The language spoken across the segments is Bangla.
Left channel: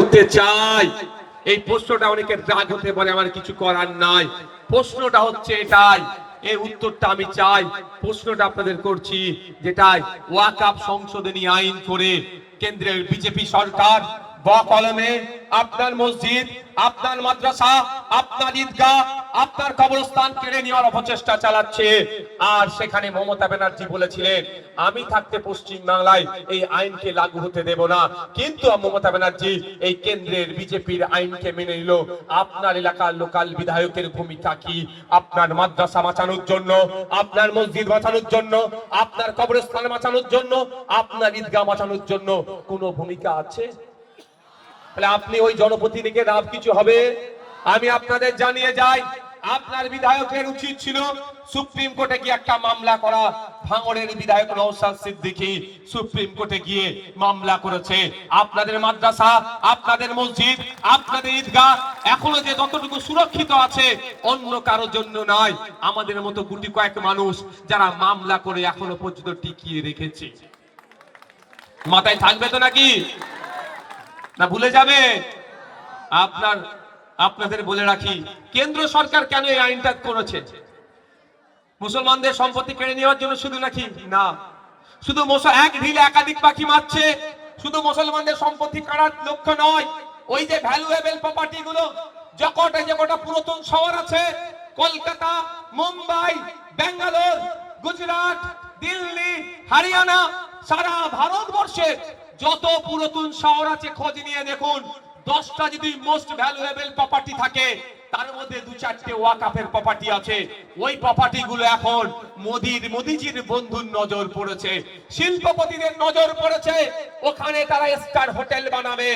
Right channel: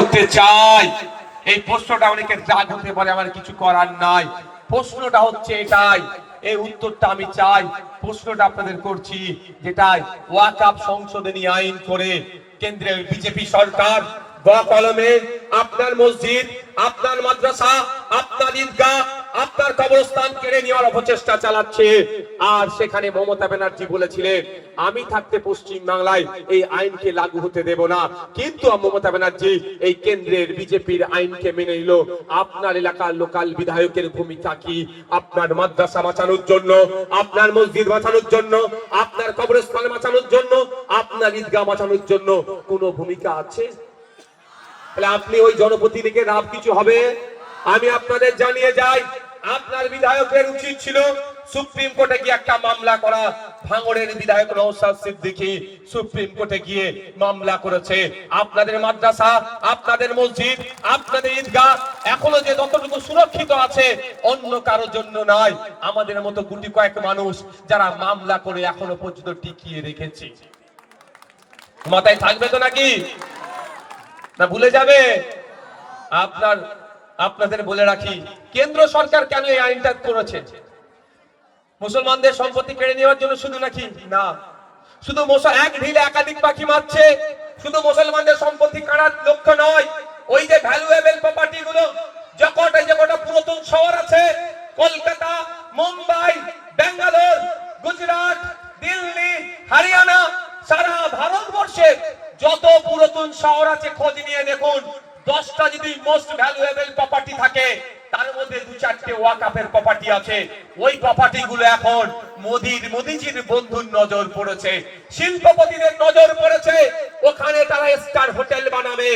করতে চাই। এই প্রশ্নটা অনেকের রাগ হতে পারে, আমার কিছু করার নাই। প্রশ্নটা হচ্ছে এটাই, এই উত্তরটা আমি চাই। প্রশ্নটা আপনাদের করছি, যেটাই ওয়াকফ সংশোধনী আইন করে কেন্দ্রের বিজেপি সরকার বকলমে আপনার মসজিদ, আপনার মাদ্রাসা, আপনার ঈদগাহ, আপনার কবরস্থান কেড়ে নেওয়ার অপচেষ্টা চালাচ্ছে। আর সেখানে মমতা ব্যানার্জি বলেছিলেন, আমি থাকতে পশ্চিম বাংলায় এই আইনকে লাগু হতে দেব না। কিন্তু মমতা ব্যানার্জি এই কেন্দ্রের বিজেপির আইনকে মেনে নিল। আপনার এলাকার লোকাল বিধায়কের ভূমিকা কি? আপনার মাদ্রাসা বাঁচানোর জন্য, আপনার মসজিদ বাঁচানোর জন্য, আপনার কবরস্থান বাঁচানোর জন্য, আপনার ঈদগাহ বাঁচানোর জন্য কোনো ভূমিকা আছে? তাহলে আপনি ওই জনপ্রতিনিধিকে লাভ কিছু হবে? আমি আপনাদের জানিয়ে যাই, আপনার বিধায়কের উচিত ছিল সুপ্রিম কোর্টে গিয়ে একটা মামলা করা। ভাঙড়ের বিধায়ক নওশাদ সিদ্দিকী সুপ্রিম কোর্টে গিয়ে মামলা করেছে। আপনাদের মাদ্রাসা, আপনাদের মসজিদ, আপনাদের ঈদগাহ এখনো যে যতটুকু সুরক্ষিত আছে, অন্য কারোর জন্য নয়। আমাদের মতো গুটি কয়েক মানুষ যারা মামলা করে এখনো পর্যন্ত টিকিয়ে রেখেছে। মাথায় থাকবে তো নাকি? না ভুলে যাবে? আপনাদের বলে রাখি, কেন্দ্র সরকার কেন এই আইনটা করেছে? মুসলমানদের সম্পত্তি কেড়ে নেওয়ার জন্য শুধু নাকি? না, শুধু এক ঢিলে একাধিক পাখি মারছে। শুধু মুসলমানদের সম্পত্তি কাড়ার লক্ষ্য নয়, ওই যে ভ্যালুয়েবল প্রপার্টি গুলো, যে কটা পুরাতন শহর আছে, কলকাতা, মুম্বাই, বেঙ্গালোর, গুজরাট, দিল্লি, হরিয়ানা, সারা ভারতবর্ষে যত পুরাতন শহর আছে খোঁজ নিয়ে দেখুন, 10টা যদি মোস্ট ভ্যালুয়েবল প্রপার্টি থাকে, তার মধ্যে 2-4টে ওয়াকফের প্রপার্টি আছে। ওই প্রপার্টি গুলো এখন মোদিজির বন্ধুর নজর পড়েছে, শিল্পপতিদের নজর পড়েছে। ওখানে তারা স্টার হোটেল বানাবে,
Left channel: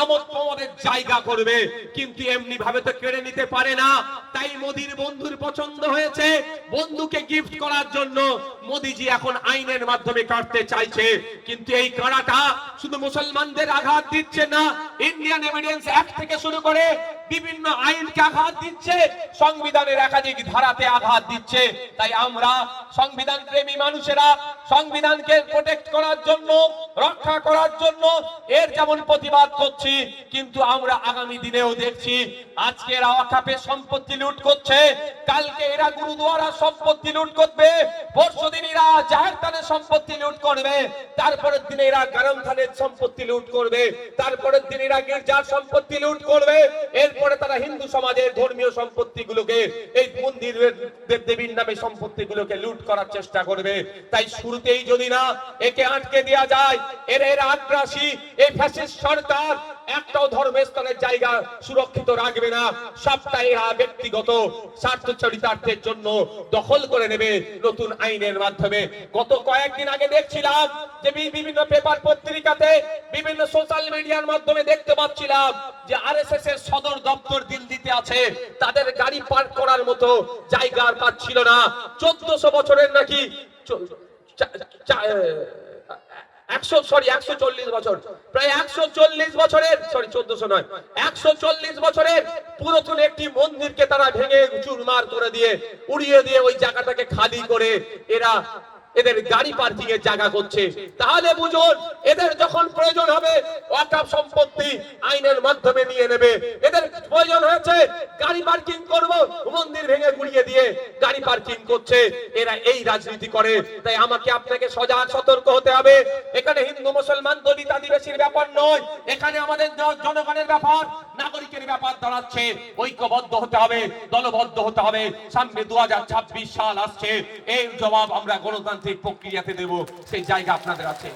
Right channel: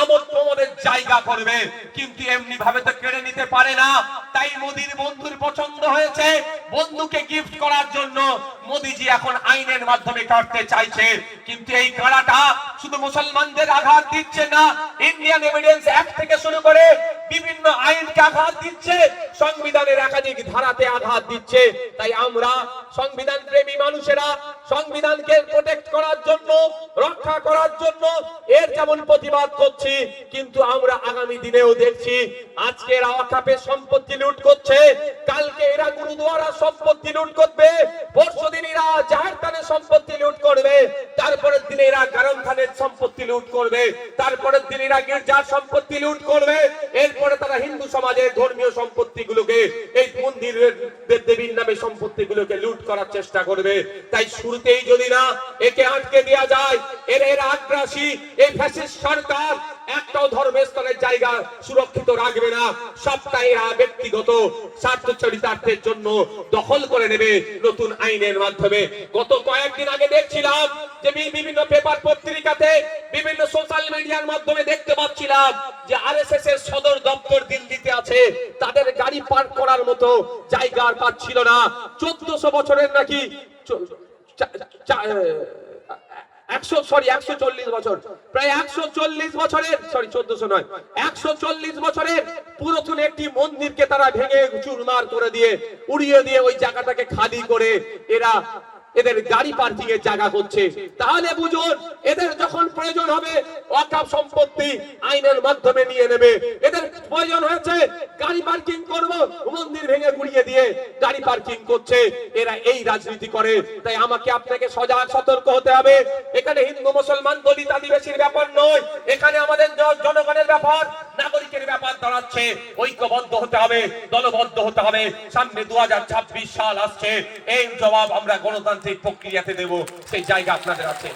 আমোদ প্রমোদের জায়গা করবে। কিন্তু এমনি ভাবে তো কেড়ে নিতে পারে না। তাই মোদির বন্ধুর পছন্দ হয়েছে, বন্ধুকে গিফট করার জন্য মোদিজি এখন আইনের মাধ্যমে কাটতে চাইছে। কিন্তু এই কাড়াটা শুধু মুসলমানদের আঘাত দিচ্ছে না, ইন্ডিয়ান এভিডেন্স অ্যাক্ট থেকে শুরু করে বিভিন্ন আইনকে আঘাত দিচ্ছে, সংবিধানের একাধিক ধারাতে আঘাত দিচ্ছে। তাই আমরা সংবিধান প্রেমী মানুষেরা সংবিধানকে প্রোটেক্ট করার জন্য, রক্ষা করার জন্য এর যেমন প্রতিবাদ করছি, কিন্তু আমরা আগামী দিনেও দেখছি আজকে এরা ওয়াকফের সম্পত্তি লুট করছে, কালকে এরা গুরুদুয়ারার সম্পত্তি লুট করবে, পরশুদিন এরা জাহেরখানের সম্পত্তি লুট করবে, তারপরের দিনে এরা গারমখানের সম্পত্তি লুট করবে, তারপরের দিন এরা গির্জার সম্পত্তি লুট করবে, এরপরে তারা হিন্দু সমাজের ধর্মীয় সম্পত্তিগুলোকে, এই মন্দিরের দেবীর নামে সম্পত্তিগুলোকে লুট করার চেষ্টা করবে। তাই শুরুতেই যদি না একে আটকে দেওয়া যায়, এর আগ্রাসী এই ফ্যাসিস্ট সরকার একটাও ধর্মস্থানের জায়গা সুরক্ষিত রাখবে না। সবটাই ব্যক্তিগত স্বার্থ চরিতার্থের জন্য দখল করে নেবে নতুন আইনের মাধ্যমে। গত কয়েকদিন আগে দেখছিলাম যে বিভিন্ন পেপার পত্রিকাতে, বিভিন্ন সোশ্যাল মিডিয়ার মাধ্যমে দেখতে পাচ্ছিলাম যে আরএসএস এর সদর দপ্তর দিল্লিতে আছে, তাদের গাড়ি পার্ক করার মতো জায়গা আর পাচ্ছিল না। 1400 বছরের নাকি 140 বছর, প্রায় 140 বছরের, সরি 1400 নয়, 140 বছরের পুরাতন একটি মন্দিরকে তারা ভেঙে চুরমার করে দিয়ে, উড়িয়ে দিয়ে ওই জায়গাটাকে খালি করে এদের গাড়ি পার্কিং এর জায়গা করছে। তাহলে বুঝুন, এদের যখন প্রয়োজন হবে ওয়াকফ সম্পত্তি আইনের মাধ্যমে নিয়ে নেবে। এদের প্রয়োজন হয়েছে গাড়ি পার্কিং করব, মন্দির ভেঙে গুড়িয়ে দিয়ে গাড়ি পার্কিং করছে। এরা এই রাজনীতি করে। তাই আমাকে আপনাকে সজাগ সতর্ক হতে হবে। এখানে হিন্দু মুসলমান দলিত আদিবাসীর ব্যাপার নয়, এখানে আমাদের জনগণের ব্যাপার, নাগরিকের ব্যাপার দাঁড়াচ্ছে। ঐক্যবদ্ধ হতে হবে, দলবদ্ধ হতে হবে। সামনে 2026 সাল আসছে, এই জবাব আমরা গণতান্ত্রিক প্রক্রিয়াতে দেব, সেই জায়গা আপনাদের আছে।